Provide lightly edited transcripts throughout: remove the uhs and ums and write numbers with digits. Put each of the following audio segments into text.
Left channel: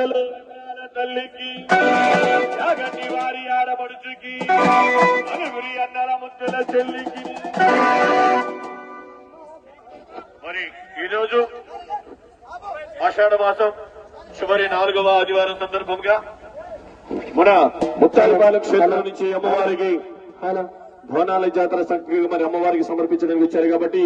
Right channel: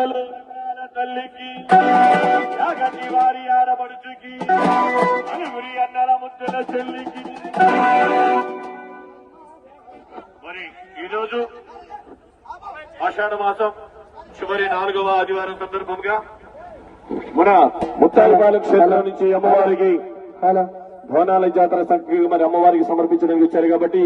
గుట్టలు తల్లికి యాగంటి వారి ఆడపడుచుకి అనుగురి అన్నల ముద్దుల చెల్లికి. మరి ఈరోజు ఆషాఢ మాసం చివరి 4వ ఆదివారం సందర్భంగా మన ముత్తాయిపాలెం క్షేత్రం నుంచి అమ్మవారికి బోనాల జాతర సంఖ్య మరి అమ్మవారికి సమర్పించడానికి వచ్చారు కాబట్టి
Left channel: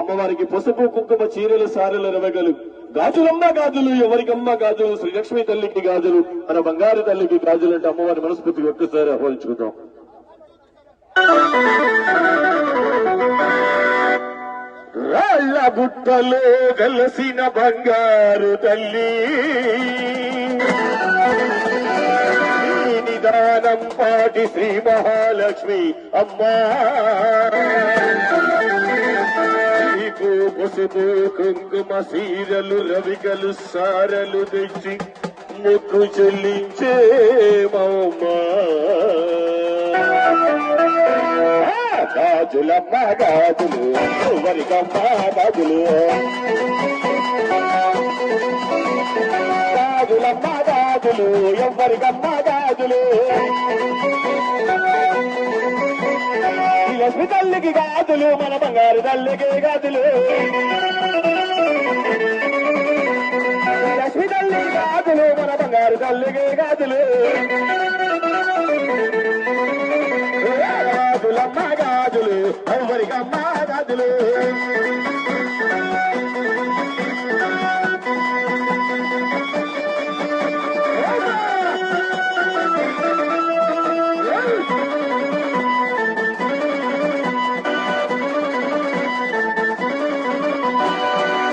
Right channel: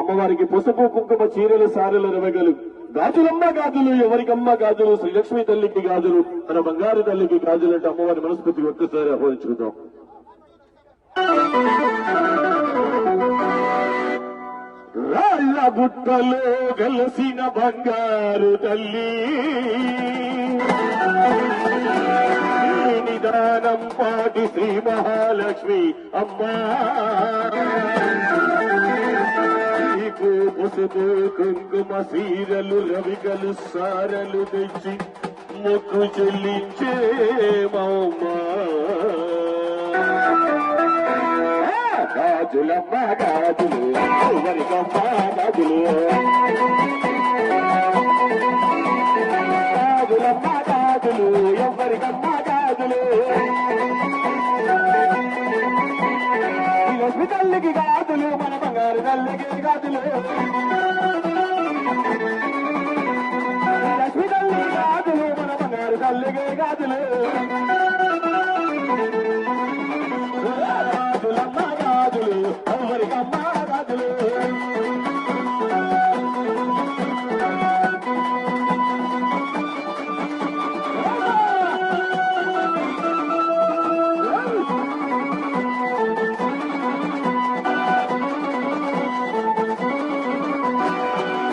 అమ్మవారికి పసుపు కుంకుమ చీరలు సారెలు రవగలు గాజులమ్మ గాజులు ఎవరికమ్మ గాజులు శ్రీలక్ష్మి తల్లికి గాజులు మన బంగారు తల్లికి గాజులు అంటే అమ్మవారి మనస్ఫూర్తిగా ఒక్కసారి ఆహ్వానించుకుందాం. రాళ్ళ గుట్టలో వెలసిన బంగారు తల్లి నిదానం పాటి శ్రీ మహాలక్ష్మి అమ్మా నీకు పసుపు కుంకుమ సీరలు రవికలు సారలు తెచ్చి మొక్కు చెల్లించే మమ్మా. గాజులమ్మ గాజులు ఎవరికమ్మ గాజులు గాజులమ్మ గాజులు ఎవరికమ్మ గాజులు లక్ష్మి తల్లికి గాజులు మన బంగారు తల్లికి గాజులు లక్ష్మి తల్లికి గాజులు మన బంగారు తల్లికి గాజులు గాజులమ్మ గాజులు ఎవరికమ్మ గాజులు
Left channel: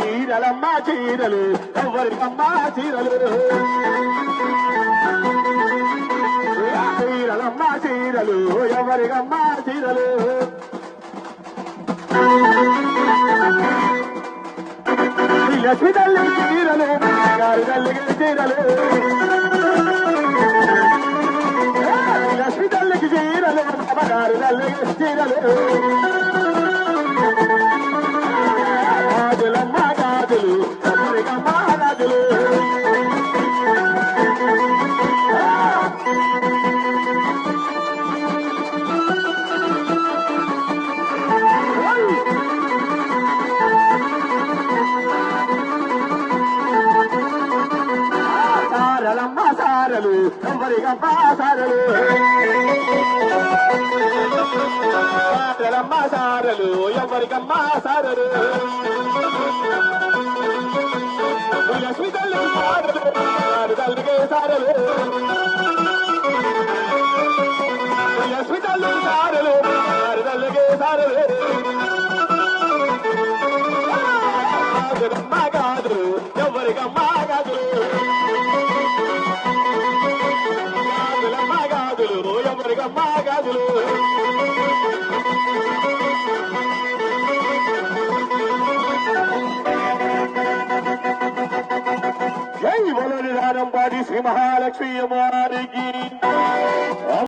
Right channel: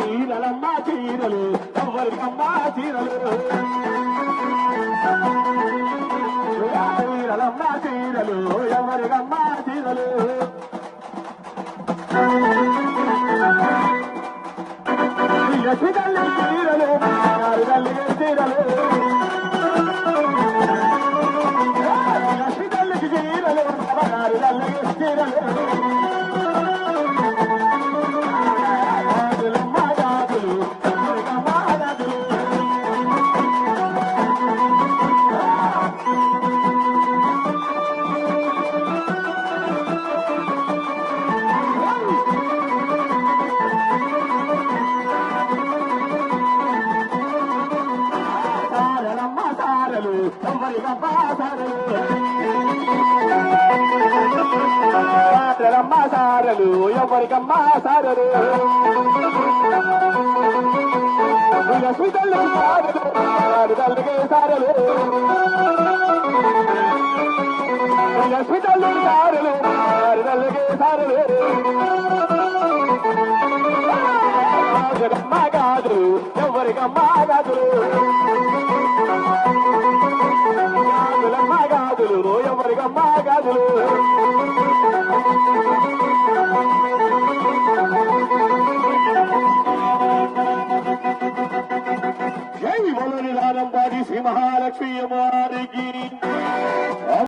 చీరలమ్మ చీరలు ఎవరికమ్మ చీరలు చీరలమ్మ చీరలు ఎవరికమ్మ చీరలు లక్ష్మి తల్లి చీరలు గారు తల్లికి చీరలు లక్ష్మి తల్లికి చీరలు గారు తల్లికి చీరలు గాజులమ్మ గాజులు ఎవరికమ్మ గాజులు సారలమ్మ సారలు ఎవరికమ్మ సారలు సారలమ్మ సారలు ఎవరికమ్మ సారలు లక్ష్మి తల్లి సారలు గారు తల్లికి సారలు లక్ష్మి తల్లి సారలు గారు తల్లికి సారలు గాజులమ్మ గాజులు ఎవరికమ్మ గాజులు గాజులమ్మ గాజులు ఎవరికమ్మ గాజులు జై బలో నిదానం పాడి శ్రీ మహాలక్ష్మి అమ్మవారికి.